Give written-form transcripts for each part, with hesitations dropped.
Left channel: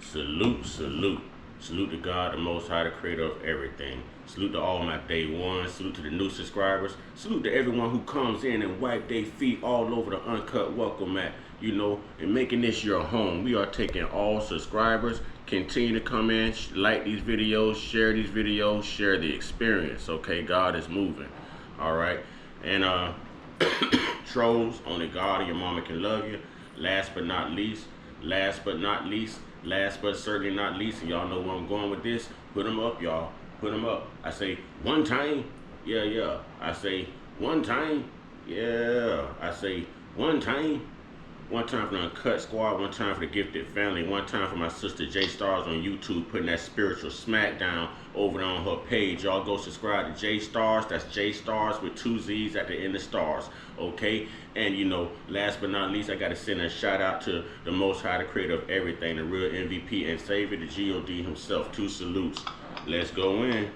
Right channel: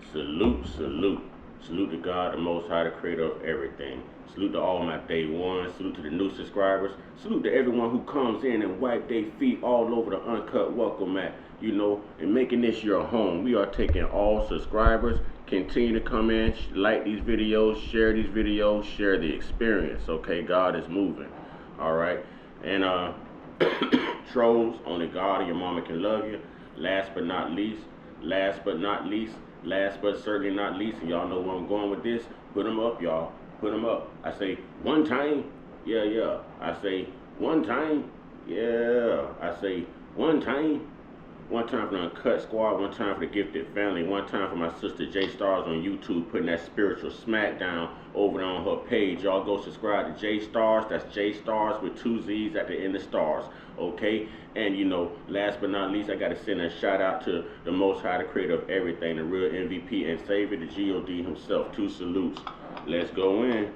Salute, salute. Salute to God, the Most High, the creator of everything. Salute to all my day ones. Salute to the new subscribers. Salute to everyone who comes in and wipe their feet all over the Uncut welcome mat, and making this your home. We are taking all subscribers. Continue to come in, like these videos, share the experience. Okay, God is moving. All right. And trolls, only God and your mama can love you. Last but not least, last but not least, last but certainly not least, and y'all know where I'm going with this. Put them up, y'all. Put them up. I say one time, yeah. I say one time, yeah. I say one time. One time for the Uncut Squad, one time for the Gifted Family, one time for my sister J Stars on YouTube putting that spiritual smackdown over there on her page. Y'all go subscribe to J Stars. That's J Stars with two Z's at the end of stars. Okay? And last but not least, I got to send a shout out to the Most High, the creator of everything, the real MVP and Savior, the God himself. Two salutes. Let's go in.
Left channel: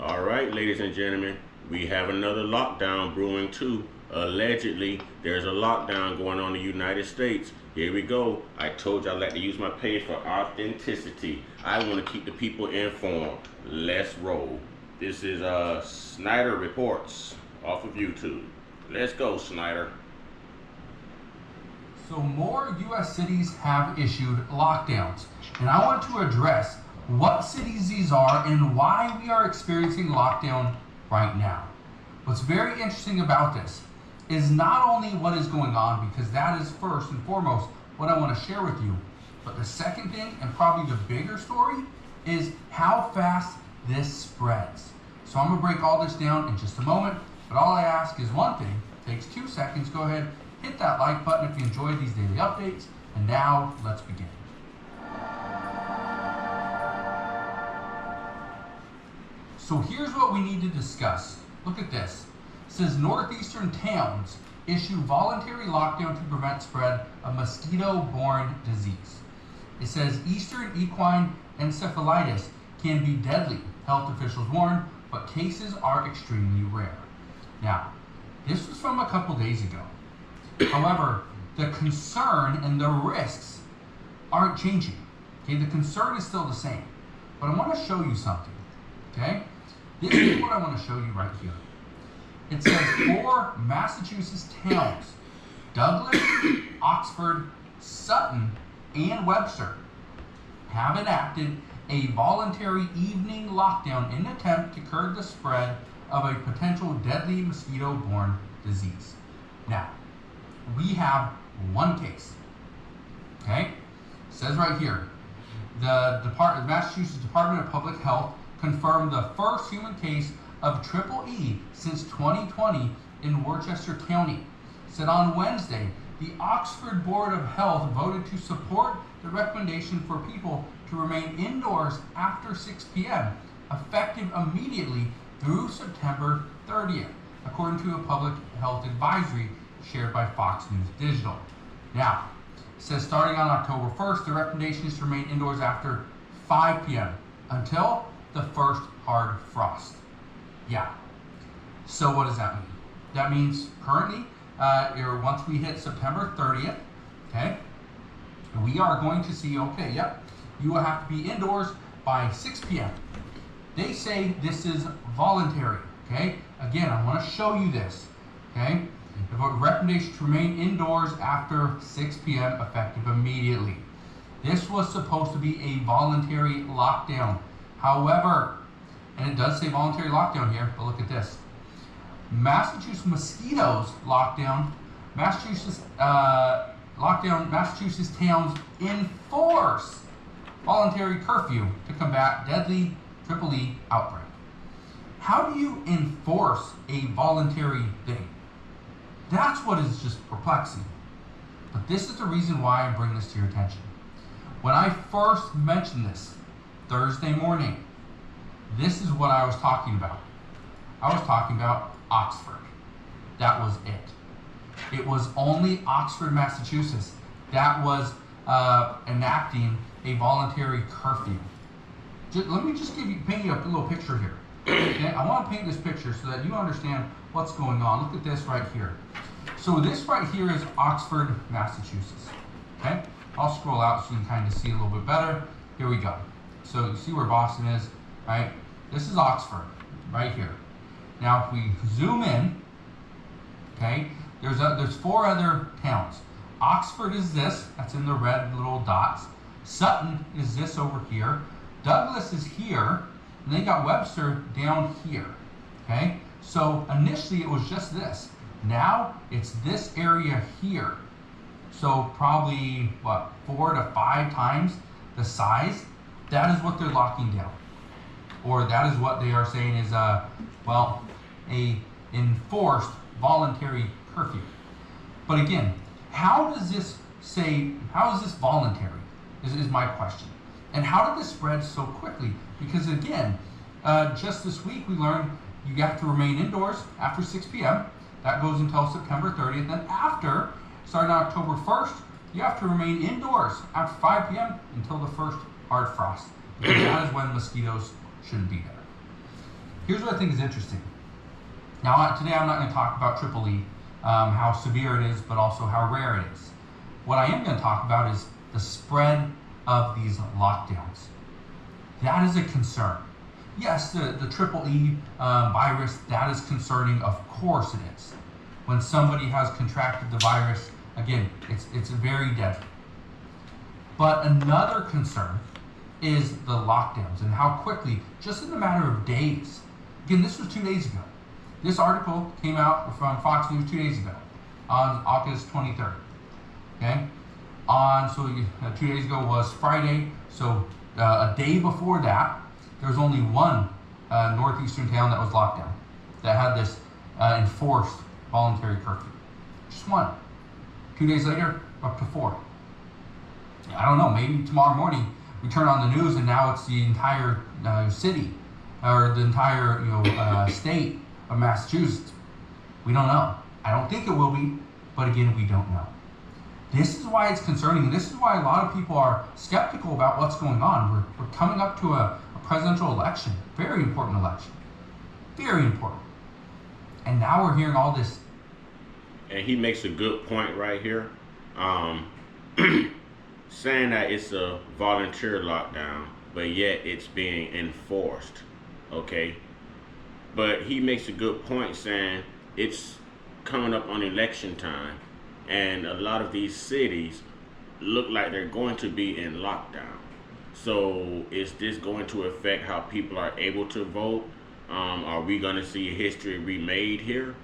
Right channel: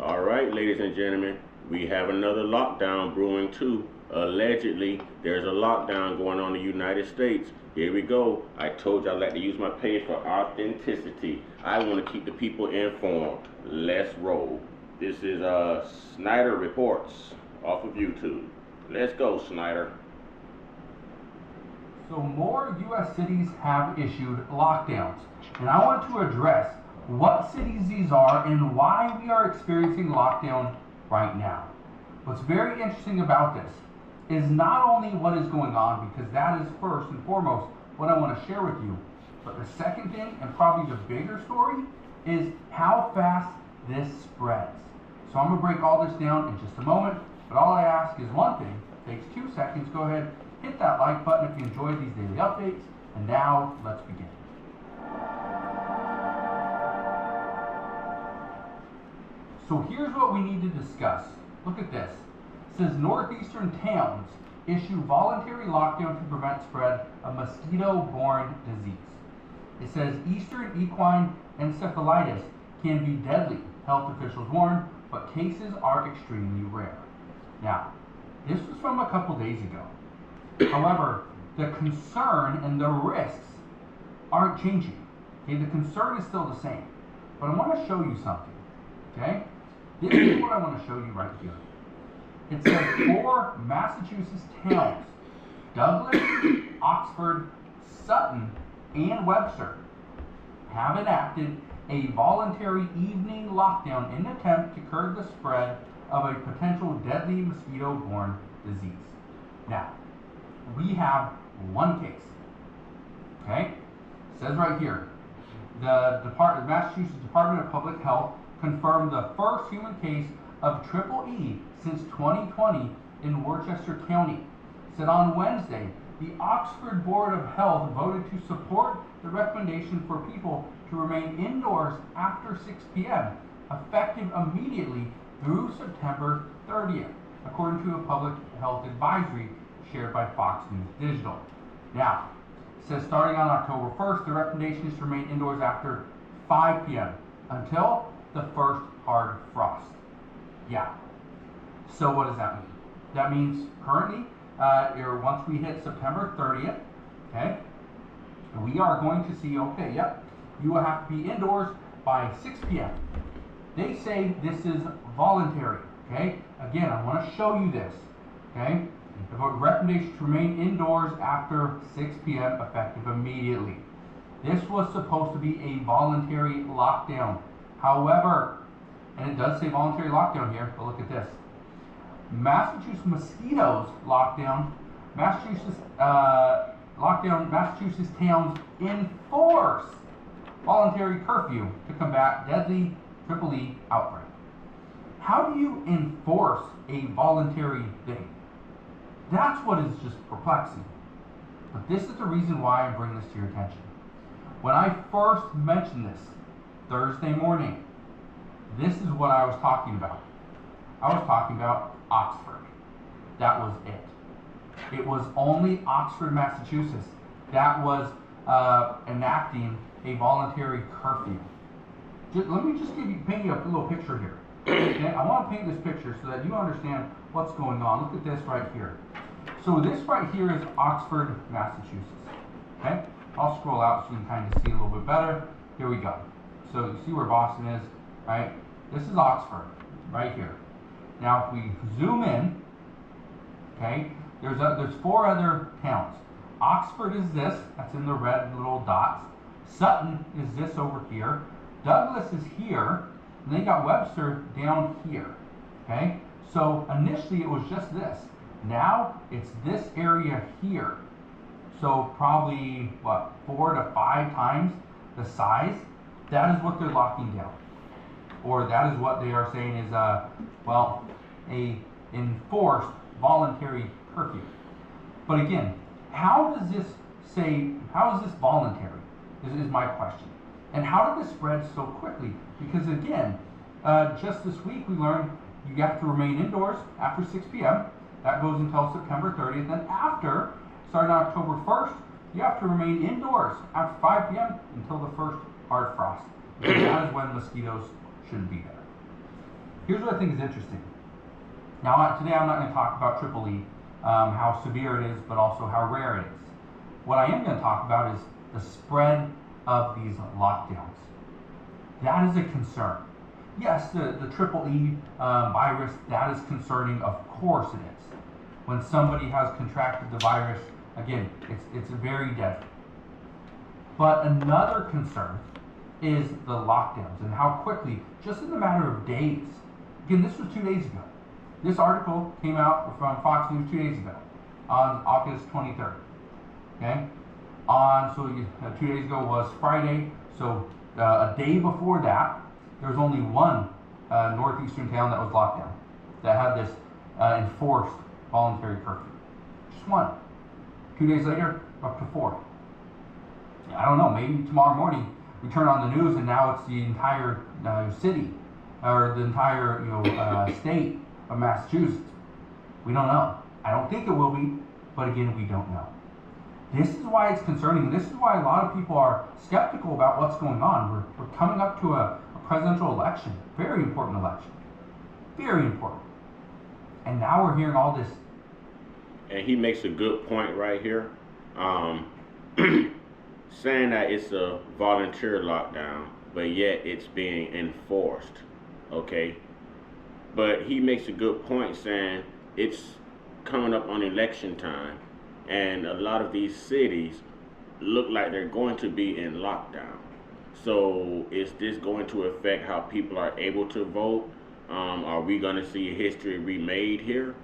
All right, ladies and gentlemen, we have another lockdown brewing too. Allegedly, there's a lockdown going on in the United States. Here we go. I told you I like to use my page for authenticity. I want to keep the people informed. Let's roll. This is Snyder Reports off of YouTube. Let's go, Snyder. So more U.S. cities have issued lockdowns, and I want to address what cities these are and why we are experiencing lockdown right now. What's very interesting about this is not only what is going on, because that is first and foremost what I want to share with you, but the second thing, and probably the bigger story, is how fast this spreads. So I'm going to break all this down in just a moment, but all I ask is one thing. It takes 2 seconds. Go ahead, hit that like button if you enjoyed these daily updates, and now let's begin. So here's what we need to discuss. Look at this. It says northeastern towns issue voluntary lockdown to prevent spread of mosquito-borne disease. It says eastern equine encephalitis can be deadly, health officials warn, but cases are extremely rare. Now, this was from a couple days ago. However, the concern and the risks aren't changing. Okay, the concern is still the same. But I want to show you something. Okay? This is what I want to show you right here. It says 4 Massachusetts towns, Douglas, Oxford, Sutton, and Webster, have enacted a voluntary evening lockdown in an attempt to curb the spread of a potential deadly mosquito-borne disease. Now, we have one case. Okay? It says right here, the Massachusetts Department of Public Health confirmed the first human case of triple E since 2020 in Worcester County. Said on Wednesday, the Oxford Board of Health voted to support the recommendation for people to remain indoors after 6 p.m., effective immediately through September 30th, according to a public health advisory shared by Fox News Digital. Now, it says starting on October 1st, the recommendation is to remain indoors after 5 p.m. until the first hard frost. Yeah. So what does that mean? That means currently, once we hit September 30th, okay, we are going to see, you will have to be indoors by 6 p.m. They say this is voluntary, okay? Again, I want to show you this, okay? The recommendation to remain indoors after 6 p.m. effective immediately. This was supposed to be a voluntary lockdown.6 and it does say voluntary lockdown here, but look at this. Massachusetts mosquitoes lockdown. Massachusetts towns enforce voluntary curfew to combat deadly triple E outbreak. How do you enforce a voluntary thing? That's what is just perplexing. But this is the reason why I bring this to your attention. When I first mentioned this Thursday morning, this is what I was talking about. I was talking about Oxford. That was it. It was only Oxford, Massachusetts that was enacting a voluntary curfew. Let me just paint you a little picture here. Okay? I want to paint this picture so that you understand what's going on. Look at this right here. So this right here is Oxford, Massachusetts. Okay? I'll scroll out so you can kind of see a little bit better. Here we go. So you see where Boston is, right? This is Oxford, right here. Now if we zoom in, okay, there's 4 other towns. Oxford is this, that's in the red little dots. Sutton is this over here. Douglas is here, and they got Webster down here, okay? So initially it was just this. Now it's this area here. So probably, what, 4 to 5 times the size. That is what they're locking down. Or that is what they are saying is, well, a enforced voluntary curfew. But again, how is this voluntary is my question. And how did this spread so quickly? Because again, just this week we learned you have to remain indoors after 6 p.m. That goes until September 30th. Then after, starting October 1st, you have to remain indoors after 5 p.m. until the first hard frost. Because that is when mosquitoes shouldn't be there. Here's what I think is interesting. Now, today I'm not going to talk about Triple E, how severe it is, but also how rare it is. What I am going to talk about is the spread of these lockdowns. That is a concern. Yes, the Triple E virus, that is concerning. Of course it is. When somebody has contracted the virus, again, it's very deadly. But another concern is the lockdowns and how quickly, just in a matter of days. Again, this was 2 days ago. This article came out from Fox News 2 days ago, on August 23rd. Okay, 2 days ago was Friday. So a day before that, there was only one northeastern town that was locked down, that had this enforced voluntary curfew. Just one. 2 days later, up to 4. I don't know. Maybe tomorrow morning we turn on the news and now it's the entire city or the entire state of Massachusetts. We don't know. I don't think it will be, but again, we don't know. This is why it's concerning. This is why a lot of people are skeptical about what's going on. We're coming up to a presidential election, very important election, very important. And now we're hearing all this. And he makes a good point right here, saying that it's a volunteer lockdown, but yet it's being enforced. Okay. But he makes a good point saying it's coming up on election time, and a lot of these cities look like they're going to be in lockdown. So is this going to affect how people are able to vote? Are we going to see history remade here?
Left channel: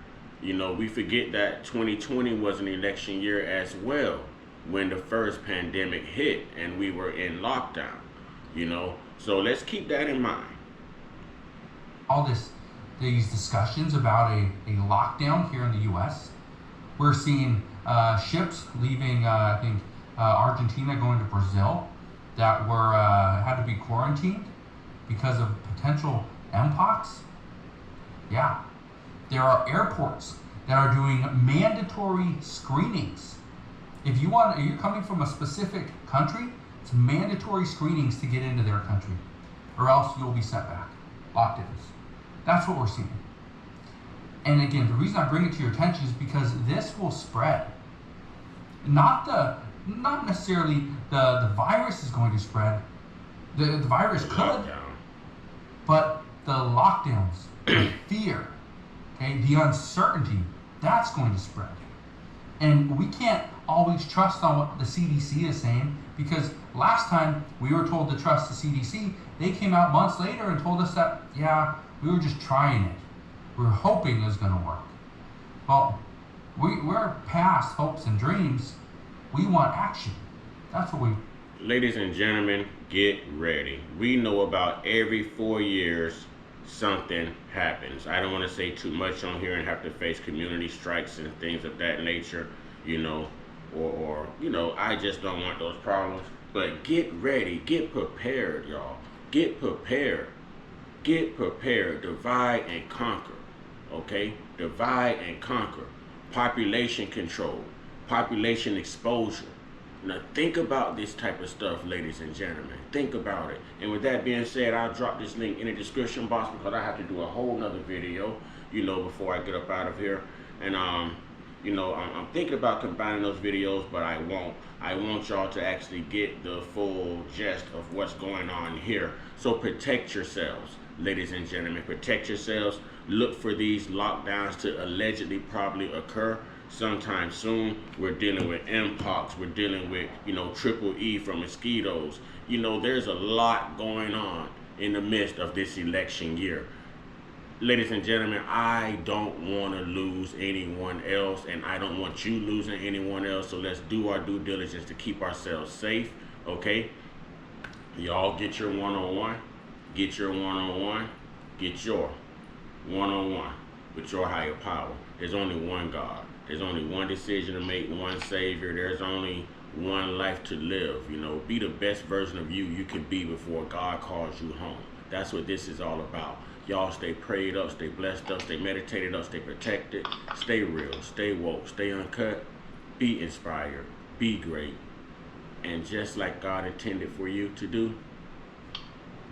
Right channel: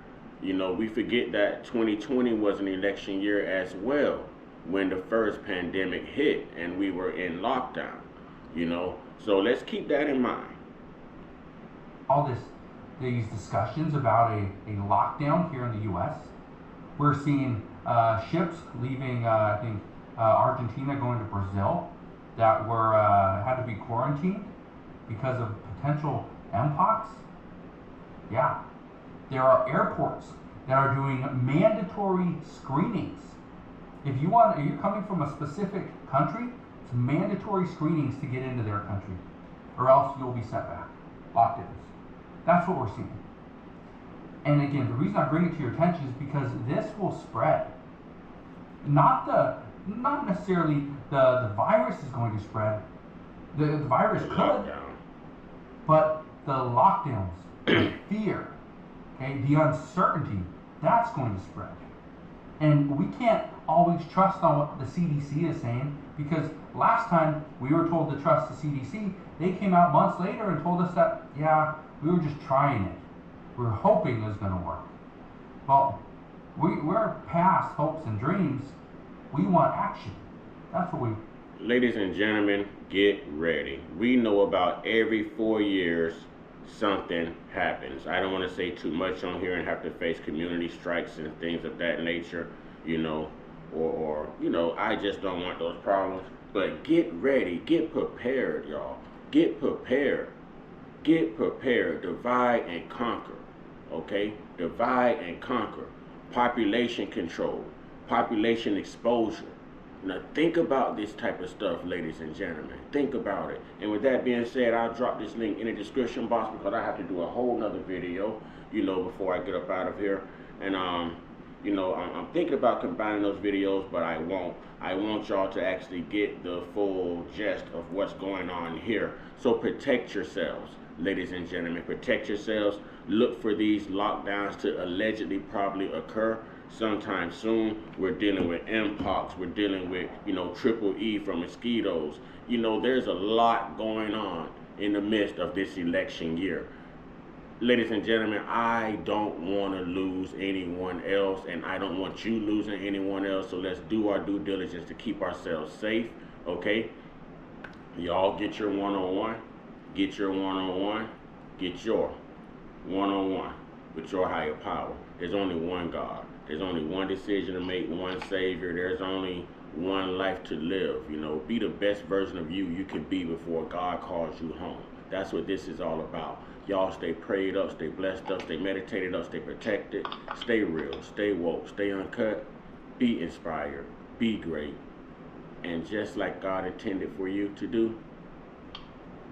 You know, we forget that 2020 was an election year as well, when the first pandemic hit and we were in lockdown. You know, so let's keep that in mind. All these discussions about a lockdown here in the U.S. We're seeing ships leaving, I think, Argentina going to Brazil that were had to be quarantined because of potential mpox. Yeah, there are airports that are doing mandatory screenings. If you're coming from a specific country, it's mandatory screenings to get into their country, or else you'll be sent back. Lockdowns. That's what we're seeing. And again, the reason I bring it to your attention is because this will spread. Not necessarily the virus is going to spread. The virus could, Lockdown. but the lockdowns, the fear, okay, the uncertainty, that's going to spread. And we can't always trust on what the CDC is saying, because last time we were told to trust the CDC, they came out months later and told us that, yeah, we were just trying it. We were hoping it was going to work. Well, we're past hopes and dreams. We want action. That's what we... Ladies and gentlemen, get ready. We know about every 4 years something happens. I don't want to say too much on here and have to face community strikes and things of that nature, you know, or you know, I just don't want those problems. But get ready, get prepared, y'all. Get prepared. Get prepared. Divide and conquer. Okay? Divide and conquer. Population control. Population exposure. Now think about this type of stuff, ladies and gentlemen. Think about it. And with that being said, I'll drop this link in the description box because I have to do a whole nother video, you know, before I get up out of here. And You know, I'm thinking about combining those videos, but I won't. I want y'all to actually get the full gist of what's going on here. So protect yourselves, ladies and gentlemen. Protect yourselves. Look for these lockdowns to allegedly probably occur sometime soon. We're dealing with mpox. We're dealing with, triple E from mosquitoes. There's a lot going on in the midst of this election year. Ladies and gentlemen, I don't want to lose anyone else, and I don't want you losing anyone else. So let's do our due diligence to keep ourselves safe, okay? Y'all get your one-on-one, get your one-on-one, get your one-on-one with your higher power. There's only one God. There's only one decision to make, one Savior. There's only one life to live. Be the best version of you can be before God calls you home. That's what this is all about. Y'all stay prayed up, stay blessed up, stay meditated up, stay protected, stay real, stay woke, stay uncut, be inspired, be great. And just like God intended for you to do,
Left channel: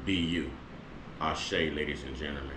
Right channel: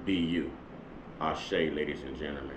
be you. Ashe, ladies and gentlemen.